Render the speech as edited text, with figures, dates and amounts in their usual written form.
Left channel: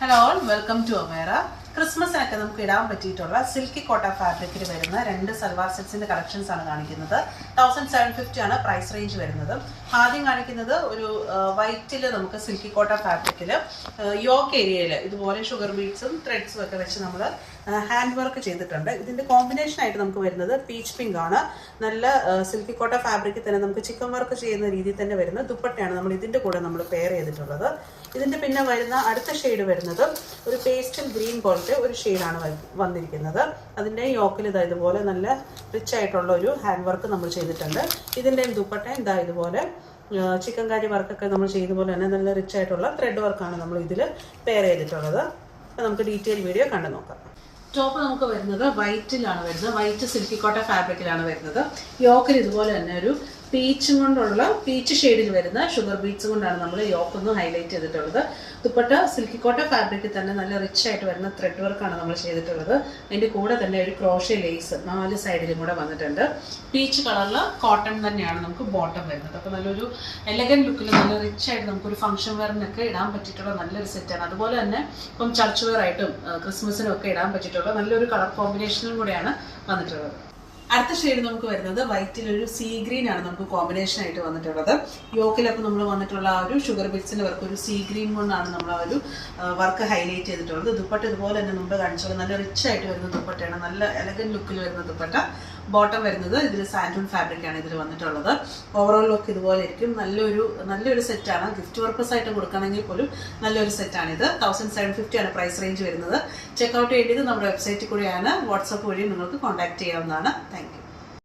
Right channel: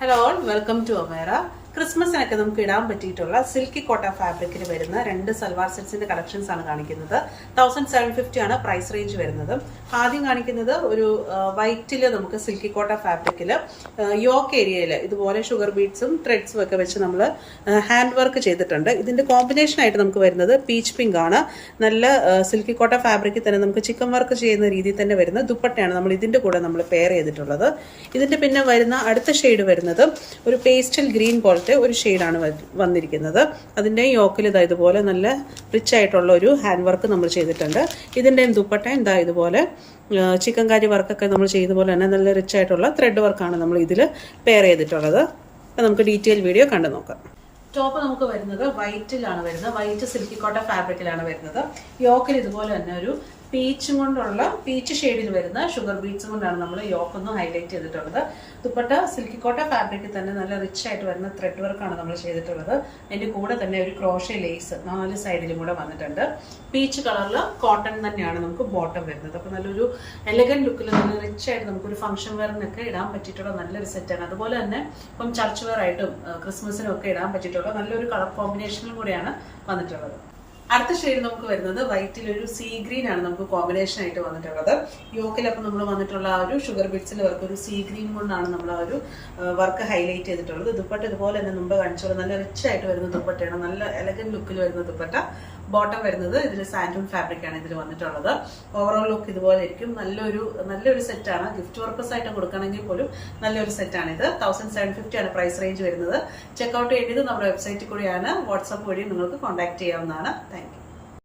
Hello welcome to ഒമേറ. ക്രിസ്മസിനൊക്കെ നമുക്ക് ഇടാൻ പറ്റിയിട്ടുള്ള സിൽക്കി കോട്ട ഫാബ്രിക്കിൽ വരുന്ന രണ്ട് സൽവാർ സെറ്റ്സിന്റെ കളക്ഷൻസ് ആണ് കാണിക്കുന്നത്. 1750 ആണ് പ്രൈസ് റേഞ്ച് വരുന്നത്. ആദ്യം കാണിക്കുന്നത് ഒരു വൈറ്റിൽ നമുക്ക് സിൽക്കി കോട്ട ഫാബ്രിക്കിൽ യോക്ക് ഏരിയയിൽ ഇതുപോലെ ഷുഗർ ബീഡ്സും ത്രെഡ്സും ഒക്കെ വെച്ച് നമ്മൾ ഹാൻഡ് വർക്ക് ചെയ്തിട്ടുണ്ട്. ഇതിന്റെ കോമ്പിനേഷൻ ആയിട്ട് നമുക്ക് വരുന്നത് പീച്ച് പിങ്ക് ആണ്. നല്ല സിൽക്കി കോട്ട ഫാബ്രിക്കിൽ തന്നെ നമുക്ക് ചിക്കൻ വർക്ക് ചെയ്യുന്ന രീതിയിൽ തന്നെ വരുന്ന ദുപ്പട്ടയാണ് നമ്മൾ ഇതിന്റെ കൂടെ നമ്മൾ പെയർ ചെയ്തിട്ടുള്ളത്. ഇതിന്റെ പിന്നെ വരുന്ന അടുത്ത ഷെയ്ഡ് വരുന്നത് ഒരു പേസ്റ്റൽ ഗ്രീൻ പോലത്തെ ഒരു ഷെയ്ഡാണ് വന്നിരിക്കുന്നത്. അതിൻ്റെ യോക്കിൽ ഇതാ ഇതുപോലെ നല്ല റിച്ച് ആയിട്ടുള്ള ഒരു ഹാൻഡ് വർക്ക് നമ്മൾ ചെയ്തിട്ടുണ്ട്. ഇതിൻ്റെ ദുപ്പട്ട ഇതാ ഇതുപോലെ ചിക്കൻ കാരി വർക്കൊക്കെ നമ്മൾ ചെയ്ത പോലെ തന്നെ നല്ല റിച്ച് ആയിട്ടുള്ള ത്രെഡ് വർക്കാണ് നമ്മൾ ഇതിൽ പെയർ ചെയ്തിട്ടുള്ളത്. അപ്പം നമുക്ക് ഡീറ്റെയിൽ വീഡിയോ കണ്ടു നോക്കാം. ടോപ്പ് നമുക്ക് വരുന്നത് വൈറ്റിലാണ് വരുന്നത്. വൈറ്റ് സിൽക്കി കോട്ട ഫാബ്രിക്കിലാണ് വരുന്നത്. യോക്കിൽ ഇതുപോലെ തന്നെ ഒരു പീച്ച് ഷെയ്ഡിൽ വരുന്ന ഷുഗർ ബീഡ്സ് കൊണ്ടാണ് നമ്മൾ യോക്ക് ഒന്ന് ഹൈലൈറ്റ് ചെയ്തിട്ടുള്ളത്. ദുപ്പട്ട സിൽക്കി കോട്ട ഫാബ്രിക്കിൽ തന്നെ നല്ല റിച്ച് ആയിട്ട് വരുന്ന ത്രെഡ് വർക്കാണ് നമ്മൾ ചെയ്തിട്ടുള്ളത്. അതിൻ്റെ കൂടെ തന്നെ ഒരു ക്രോഷ്യ ലേസ് 4 സൈഡിലും കൂടെ വന്നിട്ടുണ്ട്. പീച്ച് കളറിൽ കോട്ടൺ തന്നെയാണ് നമുക്ക് ബോട്ടം വരുന്നത്. അപ്പോൾ നല്ലൊരു എലഗന്റ് ലുക്കിൽ നല്ല റിച്ച് ആയിട്ട് നമുക്കൊരു ഫംഗ്ഷൻ വെയറിനൊക്കെ ഇടാൻ പറ്റിയിട്ടുള്ള നല്ലൊരു സെറ്റാണ്. അതുപോലെ തന്നെ ഇപ്പം ചർച്ച് വെയർ ആയിട്ടും ക്രിസ്മസിനും ഒക്കെ ഇടാൻ പറ്റിയിട്ടുള്ള നല്ലൊരു കളർ കോമ്പിനേഷനും കൂടെയാണ് വന്നിട്ടുള്ളത്. അടുത്ത ഷെയ്ഡ് നമുക്ക് വരുന്നത് വൈറ്റിൽ ഒരു സീ ഗ്രീൻ ആണ് നമുക്ക് കോമ്പിനേഷൻ ആയിട്ട് വന്നിട്ടുള്ളത്. യോക്കിലൊക്കെ നമ്മൾ വന്നിട്ടുള്ള ആ ഒരു ഷുഗർ ബിറ്റ്സിന്റെ വർക്ക് ഒരു സീ ഗ്രീൻ കൊണ്ടാണ് നമ്മൾ ആ ഒരു വർക്ക് ഹൈലൈറ്റ് ചെയ്തിട്ടുള്ളത്. ദുപ്പട്ട ഇതുപോലെ തന്നെ മുമ്പ് കാണിച്ചുള്ളത് നല്ല റിച്ച് ആയിട്ട് വരുന്ന ദുപ്പട്ടയാണ്. നല്ല എലഗന്റ് ലുക്കിൽ വരുന്ന ദുപ്പട്ട. ബോട്ടം വരുന്നത് ഇതിൽ സാൻഡൂൺ ഫാബ്രിക് ആണ് ഇതിൽ വന്നിട്ടുള്ളത്. ഓവറോൾ ലുക്ക് ഇതുപോലെ ഇരിക്കും. നല്ലൊരു സെറ്റാണ്. ഗിഫ്റ്റ് പർപ്പസ് ആയിട്ട് കൊടുക്കണമെങ്കിൽ പോലും നല്ലൊരു സെറ്റാണ് ഇത്. 1750 ആണ് പ്രൈസ് റേഞ്ച് വരുന്നത്. ചെക്ക്ഔട്ട് ചെയ്യേണ്ടത് നമ്മുടെ വെബ്സൈറ്റിൽ കൂടെയാണ്. വാട്സാപ്പ് വഴി നിങ്ങൾക്ക് കോൺടാക്ട് ചെയ്യാവുന്നതാണ്. Thank you.